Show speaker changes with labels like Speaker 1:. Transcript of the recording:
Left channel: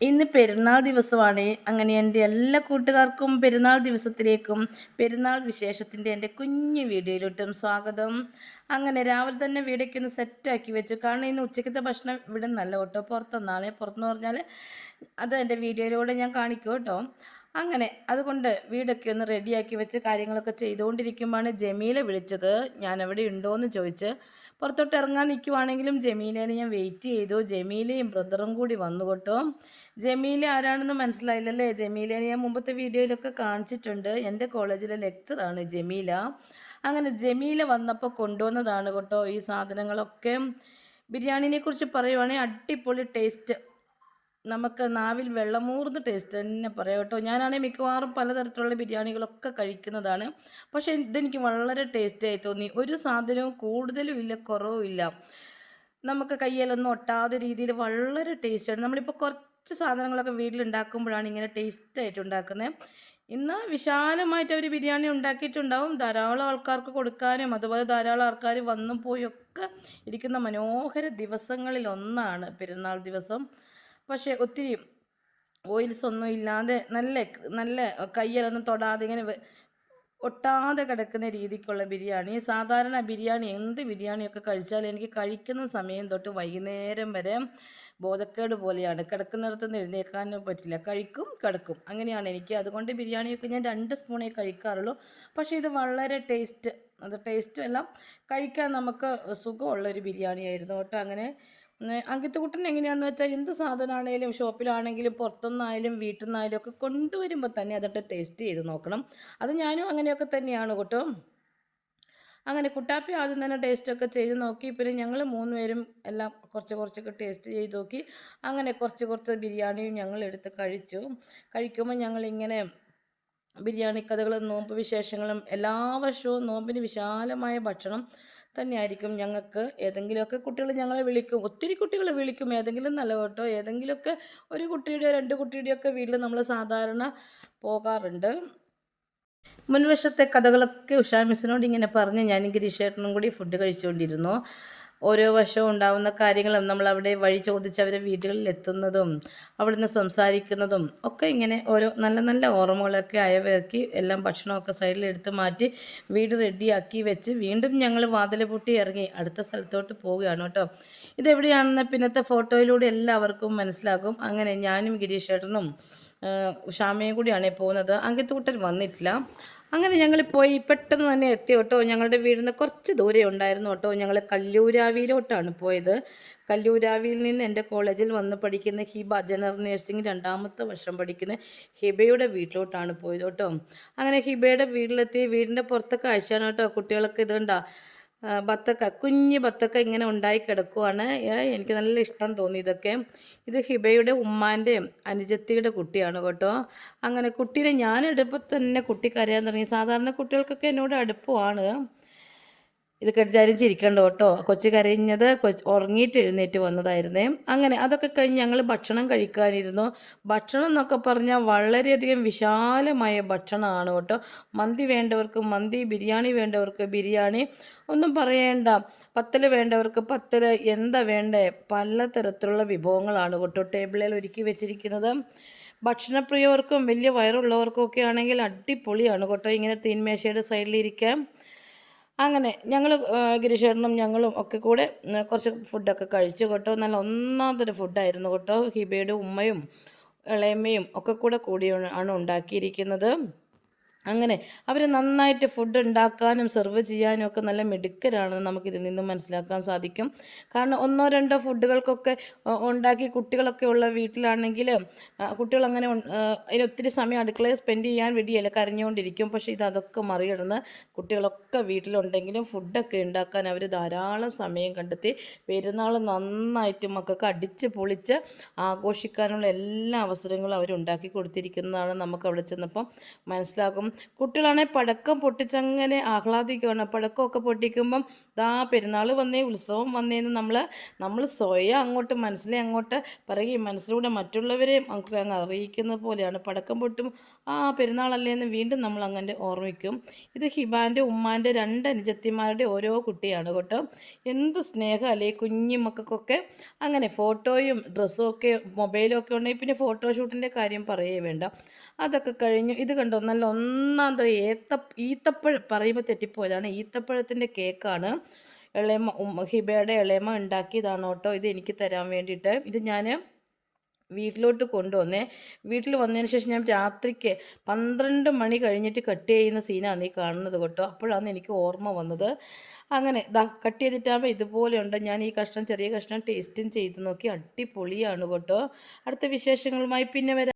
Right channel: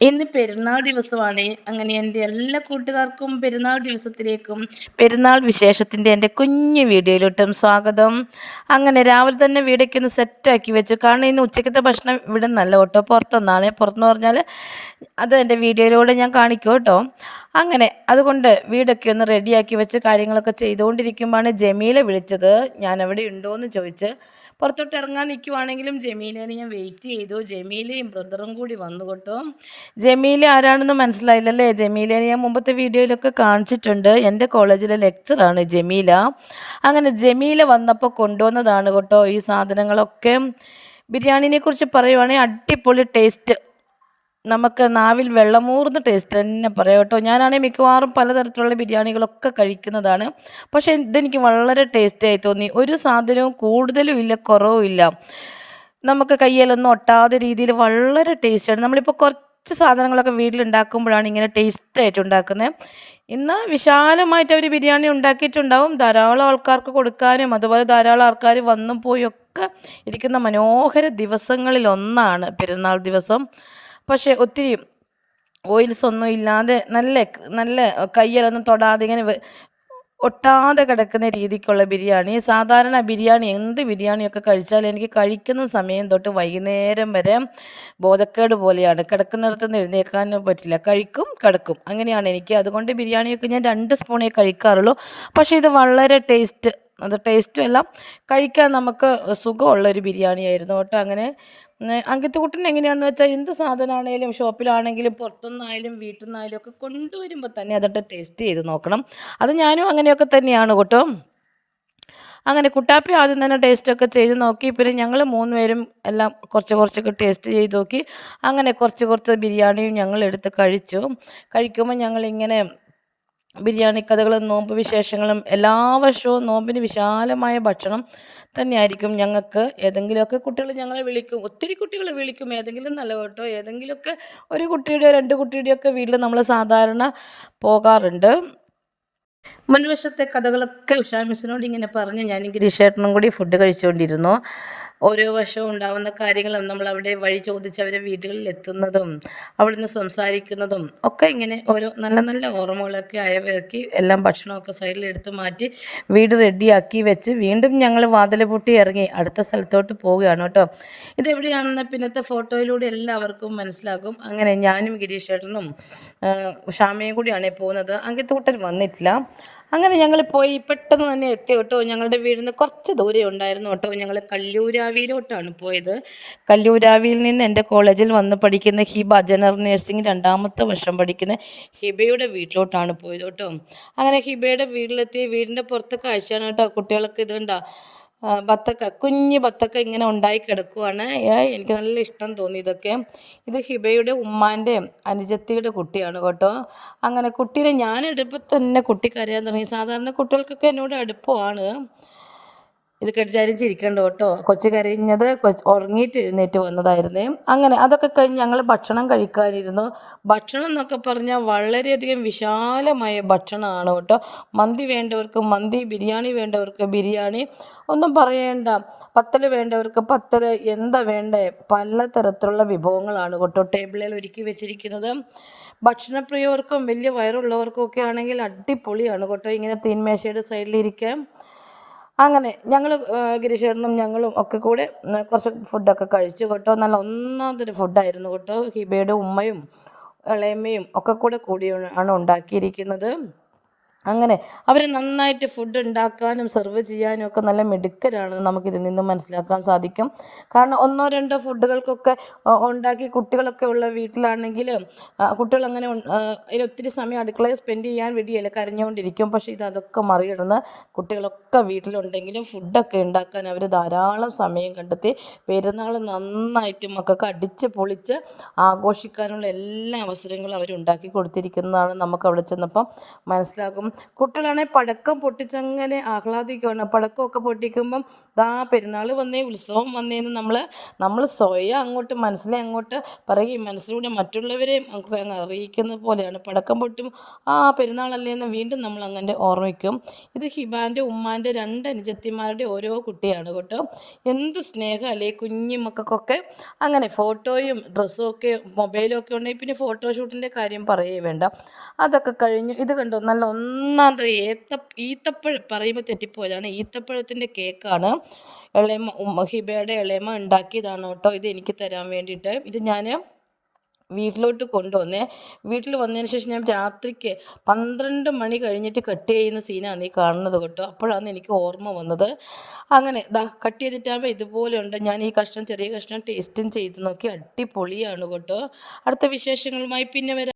Speaker 1: ഇന്ന് പെരുന്നാൾ ദിവസമാണ്. അങ്ങനെ എന്റെ എല്ലാ കൂട്ടുകാർക്കും പെരുന്നാൾ ദിവസത്തിലേക്കും പെരുന്നാൾ വിശേഷത്തിന്റെ എന്റെ കുഞ്ഞു വീഡിയോയിലോട്ടും സ്വാഗതം. അങ്ങനെ രാവിലെ തന്നെ വീടൊക്കെ ഒന്ന് സെറ്റാക്കി വെച്ചു. കാരണം ഇന്ന് ഉച്ചക്കത്തെ ഭക്ഷണം ഇവിടെ നല്ല കേട്ടോ. പുറത്തുനിന്നാണ് പുറത്തെന്ന് പറഞ്ഞാൽ അത് എന്റെ വീഡിയോയിലൂടെ ഞാൻ കാണിക്കും കേട്ടോ. അങ്ങനെ അതുകൊണ്ട് വീടൊക്കെ ഒന്ന് റെഡിയാക്കി വെച്ച് കാര്യങ്ങളൊക്കെ ചെയ്തുകൊണ്ടിരിക്കുമ്പോഴാണ് ജമീല വിളിച്ചത്. ഞാൻ അവിടെ ഉണ്ടോ എന്ന് ചോദിച്ച് പുറത്തോട്ട് ഇറങ്ങാൻ നിൽക്കുവാണെങ്കിലും ജമീലേനെ ഞാൻ വെയിറ്റ് ചെയ്തു. ജമീലയും ബ്രദറും കൂടി വന്നു കേട്ടോ. ജമീല ആരാണെന്ന് മനസ്സിലായില്ലല്ലേ? ജമീലേനെ ഞാൻ മുമ്പത്തെ വീഡിയോയിലൊക്കെ കാണിച്ചിട്ടുണ്ട്. എന്റെ കോളേജിലെ ലെക്ചറാണ് ജമീല. അങ്ങനെ ജമീല വന്നപ്പോൾ കൊണ്ടുവന്നതാണ് കേട്ടോ ഈ സാധനങ്ങളൊക്കെ. ബിരിയാണിനെ കുറിച്ച് പറയുവാണെങ്കിൽ അടിപൊളി ടേസ്റ്റ് നമുക്ക് നാവിൽ വെള്ളമൂർന്ന ടേസ്റ്റ് തന്നെ പറയാം കേട്ടോ. ഞാനാണെങ്കിൽ മിക്കവാറും പലതരത്തിലുള്ള ബിരിയാണികളൊക്കെ കഴിക്കുന്നതാണ്. പക്ഷേ ഇതെനിക്ക് വളരെ ടേസ്റ്റായി തോന്നി. ഒരു സാധനവും കൂടുതലും ഇല്ല കുറവും ഇല്ല. നമുക്ക് കയ്യിലൊന്നും ഒട്ടാതെ രീതിയിൽ വളരെ ടേസ്റ്റാണ് നമ്മളിപ്പോൾ കുറച്ച് സാധനങ്ങളൊക്കെ വീട്ടിലുണ്ടാക്കുമ്പോഴാണ് ഇങ്ങനെ ടേസ്റ്റായിട്ട് ഉണ്ടാക്കുന്നത്. ഇന്ന് വിശാലമായിട്ട് അവർ ബിരിയാണി ഉണ്ടാക്കിയിട്ടുണ്ടാവും. ധാരാളം ആൾക്കാർക്ക് കൊടുക്കാനും അതുപോലെ ധാരാളം ആൾക്കാർ വന്നും പോയൊക്കെ ഇരിക്കുന്ന മനോഹര ദിവസങ്ങളിൽ ഒന്നാണ് പെരുന്നാൾ ദിവസം. പക്ഷേ ഒത്തിരി ഓയിൽസ് ഒന്നും ഇല്ലാതെ നല്ല നല്ല കയ്യിലൊന്നും തൊടാതെ ഇങ്ങനെ ഒട്ടാതെ കിടക്കുന്ന രീതിക്കുള്ള ബിരിയാണി. സാധാരണ ബിരിയാണി എന്ത് ബിരിയാണിയൊക്കെ കഴിച്ചാലും എനിക്ക് കഴിക്കുന്ന സമയം തൊട്ട് വൈകുന്നേരം വരെ ബോധക്കേട് പോലെയാണ്. കിടക്കുന്നിടത്ത് നിന്ന് പറ്റില്ല. കഴിക്കും കിടക്കും. അങ്ങനെയാണ് എനിക്ക്. അതുകൊണ്ട് ബിരിയാണിയൊക്കെ ഞാൻ രണ്ട് സ്പൂണേ കഴിക്കാറുള്ളൂ. പക്ഷേ ഇത് വളരെ ടേസ്റ്റ് അത് ടേസ്റ്റും എല്ലാം കഴിക്കാൻ നമുക്ക് സുഖമുള്ള ഒരു ബിരിയാണി ആയിരുന്നു കേട്ടോ അങ്ങനെ. അങ്കിത്തുകുട്ടൻ എങ്ങനെയാണെന്ന് വെച്ചാൽ എന്ത് സാധനമാണെങ്കിലും ഷോപ്പിലാണെങ്കിലും പുറത്തുനിന്നായാലും വീട്ടിൽ നിന്നായാലും ഒക്കെ കൊണ്ടുവരുമ്പോൾ തന്നെ അതൊട്ട് ടേസ്റ്റ് ചെയ്ത് നോക്കണം. അത് ഞാനും അങ്ങനെയൊക്കെ തന്നെയാണ് കേട്ടോ. അങ്ങനെ കുട്ടാപ്പി ആദ്യം തന്നെ ടേസ്റ്റൊക്കെ ചെയ്ത് നോക്കി. പിന്നെ ഞങ്ങൾ മൂന്ന് പേരും എല്ലാം കുറച്ച് കുറച്ചൊക്കെ ടേസ്റ്റ് ചെയ്ത് നോക്കി. അങ്ങനെ കുറച്ച് കുറച്ച് ബിരിയാണിയും ഞങ്ങൾ എടുത്ത് കഴിച്ചു. കഴിക്കുമ്പോൾ ഞങ്ങളിങ്ങനെ ബിരിയാണി കഥകളും നോമ്പ് വിശേഷങ്ങളും എല്ലാ വർഷവും നോമ്പിന് വിശാലമായ ഭക്ഷണം തന്നെയായിരിക്കും. ഞങ്ങൾക്ക് ഏതെങ്കിലുമൊക്കെ കുട്ടികൾ ഞങ്ങളെ വിളിക്കും. ഒത്തിരി കുട്ടികൾ വിളിക്കും. ഏതെങ്കിലും നല്ല കേട്ടോ. ഏതെങ്കിലുമൊക്കെ ഒരു കുട്ടിയുടെയോ രണ്ട് കുട്ടിയുടെയൊക്കെ വീട്ടിൽ നമ്മൾ സാധാരണ പോകാറുണ്ട്. മുൻവശത്തെ കഥകളൊക്കെ ഉഷാ മിസ്സിനോട് ഇങ്ങനെ പറഞ്ഞ് ഞാൻ ഗിരീഷേട്ടനും കൂടി ഫുഡ് കഴിച്ചുകൊണ്ടിരുന്നു. ഓരോ വർഷവും ഉണ്ടാവുന്ന കാര്യങ്ങളും നമ്മൾ അവിടെ വഴി ചോദിച്ച് അവരെ വീടുകളിൽ എത്തുന്നതും അവിടുന്ന് സംസാരിക്കുന്നതും ഒക്കെ ഇങ്ങനെ ഓരോ നല്ല നല്ല ഓർമ്മകളൊക്കെ അയവിറക്കി എല്ലാം ഭക്ഷണമൊക്കെ സൈഡിൽ എടുത്ത് മാറ്റി വീട് റെഡിയാക്കി വെച്ച് വീണ്ടും ഞങ്ങൾ വാതിൽ പൊട്ടി ഇറങ്ങി അടുത്ത സ്ഥലത്തോട്ട് പോവുകയാണ് കേട്ടോ. ഇതെവിടെയാണെന്ന് പിന്നത്തെ ഫോട്ടോയിലൂടെ എല്ലാവർക്കും മനസ്സിലാകും. അങ്ങനെ ഞാനും ഗിരീഷേട്ടനും ഷാമയും കൂടിയാണ് പോകുന്നത്. അങ്കിത്തൂട്ടൻ വന്നിട്ടില്ല. അങ്ങനെ ഞങ്ങൾ പോയി പെട്ടെന്ന് തന്നെ എത്തി കേട്ടോ. ഞങ്ങളുടെ വീട് നിന്ന് കുറച്ച് ദൂരെ ഉണ്ടായിരുന്നു കേട്ടോ. ഞങ്ങൾ കല്ലൂരാവിയിലോട്ടാണ് പോയത്. കല്ലൂരാവിയിൽ നിന്ന് എന്റെ കോളേജിൽ വന്ന് പഠിക്കുന്ന ഹിബ ജനറൽ നഴ്സിംഗ് രണ്ടാമത്തെ വർഷം പഠിക്കുന്ന ഹിബയുടെ വീട്ടിലോട്ടാണ് പോയത് കേട്ടോ. അങ്ങനെ ഹിബയുടെ വീട്ടിലെത്തി വീടിന്റെ പുറത്തെ കാഴ്ചയാണ് കേട്ടോ കുട്ടികൾക്ക് ഇതുണ്ടോ. ബത്തക്ക കുഞ്ഞ് ബത്തക്ക ഇങ്ങനെ ഉണ്ടായി കിടക്കുവാണ്. എനിക്ക് നല്ല ഇഷ്ടം തോന്നി ഇതൊക്കെ. ഇത് ഹിബയുടെ ഉമ്മാന്റെ അനുജത്തിയുടെ കുട്ടിയാണ് കേട്ടോ. അങ്ങനെ കുട്ടീനെ ഞാൻ എടുപ്പോൾ തന്നെ കുട്ടി കരയാൻ തുടങ്ങി. സാധാരണ കുട്ടികൾക്കൊക്കെ എന്നോട് അടുപ്പമാണ്. ഇത് കെട്ടിച്ചാരും ചിരിക്കണ്ട കേട്ടോ. കൊച്ചു കരഞ്ഞത് ഉറങ്ങിയിട്ട് എഴുന്നേറ്റ് വന്നതായിരുന്നേ. അങ്ങനെ അതൊക്കെ കഴിഞ്ഞ് ഞങ്ങൾ ഭക്ഷണം കഴിക്കാനിരുന്നു. ഭക്ഷണം എന്നൊക്കെ പറഞ്ഞാൽ വളരെയധികം വിശാലമായ ഭക്ഷണമാണ് കേട്ടോ. മന്തി വേണ്ടവർക്ക് മന്തി ബിരിയാണി വേണ്ടവർക്ക് ബിരിയാണി. ഒന്നും പറയേണ്ട. പത്തൽ വേണ്ടവർക്ക് പത്തൽ എന്താ വേണ്ടേ? പലതരത്തിലുള്ള വിഭവങ്ങളാണ് കേട്ടോ ടേബിളിൽ ഒരുക്കി വെച്ചിരിക്കുന്നത്. ഭക്ഷണപ്രിയവർക്കും വലിയ വയറുള്ളവർക്കും ഒക്കെ ആണെങ്കിൽ അടിപൊളിയാണ് കേട്ടോ ഇങ്ങനെ തീൻമേശയുടെ സൈഡിലിരിക്കാം അങ്ങനെ ഞങ്ങൾ ഗിരിശേട്ടനും ഞങ്ങളും ഒക്കെ കൂടെ കുറച്ച് ഫുഡൊക്കെ കഴിച്ചു കേട്ടോ. നല്ല ഒന്നാമതൊരു ഫുഡായിരുന്നു കേട്ടോ. ഹിബയുടെ ഉമ്മയും ഇളയമ്മയും ഒക്കെ കൂടെ കൂടിയാണ് ഉണ്ടാക്കിയിരിക്കുന്നത്. അങ്ങനെ അവർ നന്നായിട്ട് ഫുഡ് ഉണ്ടാക്കാനും സെർവ് ചെയ്യാനും ഒക്കെ നല്ല മിടുക്കരാണെന്ന് നമുക്കിതിൽ നിന്നും മനസ്സിലാക്കാൻ സാധിക്കും. കാരണം ഒന്നോ രണ്ടോ ഫുഡുകൾക്കൊക്കെ ഉണ്ടാക്കി കുട്ടികളൊക്കെ ഉള്ള വീട്ടിലാണെങ്കിൽ കുട്ടികൾ അങ്ങനെ അതിന് ഒത്തിരി സമയം അടുക്കളയിൽ സ്പെൻഡ് ചെയ്യാൻ വേണ്ടിയല്ല കരഞ്ഞുകൊണ്ടിരിക്കും. പക്ഷേ ഇത് അതൊക്കെ മറികടന്ന് കുട്ടികളൊക്കെ വീട്ടിലുണ്ടെങ്കിലും ഫുഡൊക്കെ ഉണ്ടാക്കാൻ അവർ ധാരാളം സമയം കണ്ടെത്തി പെരുന്നാൾ നന്നായിട്ട് മക്കൾക്ക് അടിച്ച് പൊളിച്ച് ആഘോഷിക്കാനുള്ള എല്ലാ അവസരങ്ങളും അവർ ഉണ്ടാക്കി കൊടുത്തിരിക്കുന്നതാണ് നമുക്ക് അവിടെ ചെന്നപ്പം മനസ്സിലാകും. കുട്ടികളാണെങ്കിൽ പടക്കം പൊട്ടിച്ചങ്ങനെ ആഹ്ലാദിക്കുകയാണ് പടക്കമൊക്കെ പൊട്ടിക്കുമ്പം ദാ പെരുന്നാൾ വന്നേ ഉത്സവം വന്നേന്ന് നമ്മൾ നമ്മൾ സ്വയം അങ്ങോട്ട് മനസ്സിലെ അങ്ങോട്ട് പറയുകയും മനസ്സിലൂടെ മറ്റുള്ളവരെയും നമുക്ക് അങ്ങ് അറിയിക്കുന്ന പോലെയാണ്. പടക്കം പൊട്ടും ആ പെരുന്നാളല്ലേ എന്ന് വീണ്ടും നമ്മൾ അങ്ങനെ ഓർമ്മിക്കും. ഇത് ഹിബാന്റെ ഉമ്മാന്റെ രണ്ട് അനുജത്തിമാരുടെ ഓരോ കുട്ടിയാണ് കേട്ടോ. എന്ത് സ്നേഹം അല്ലേ കുഞ്ഞു മക്കൾക്കൊക്കെ അങ്ങനെ ഫോട്ടോയും ഡ്രസ്സും ഒക്കെ മൊബൈലും ഒക്കെ ഉണ്ടെങ്കിൽ പിന്നെ ഫോട്ടോഷൂട്ടിന്റെ കാര്യം പറയേ വേണ്ട. അതൊക്കെ കഴിഞ്ഞു. ഇത് കണ്ടോ? നല്ല ഒന്നാം തരം ഏത്ത ഈത്തപ്പഴം പറയുമ്പോൾ തെറ്റിപ്പോയതാണ്. ഈത്തപ്പഴത്തിന്റെ കേക്കാണ് ഇളയമ്മ ഹിബയുടെ ഇളയമ്മ ഉണ്ടാക്കിയതാണ് കേട്ടോ. ഇത് എനിക്ക് തരാൻ വേണ്ടിയിട്ട്. ഇത് ഞാൻ വീട്ടിലോട്ട് കൊണ്ടുവന്നേ. വീട്ടിൽ വന്നതിന് ശേഷം ഞാൻ രാത്രിക്ക് പന്ത്രണ്ട് മണി കഴിഞ്ഞിട്ട് കട്ട് ചെയ്യുന്ന സീനാണ് നീ കാണുന്നത് കേട്ടോ. അപ്പോഴാണ് എനിക്ക് ഓർമ്മ വന്നത്. അങ്ങനെ ദാ കട്ട് ചെയ്തിട്ടാകുമ്പോൾ ഇതുപോലെയുണ്ട്. ഞാൻ ഈ കഷ്ണം ചെറിയ കഷ്ണം ടേസ്റ്റും ചെയ്ത് നോക്കി അടിപൊളിയാണ് കേട്ടോ. അടുത്ത വിശേഷങ്ങളുമായി പിന്നെ വരാം.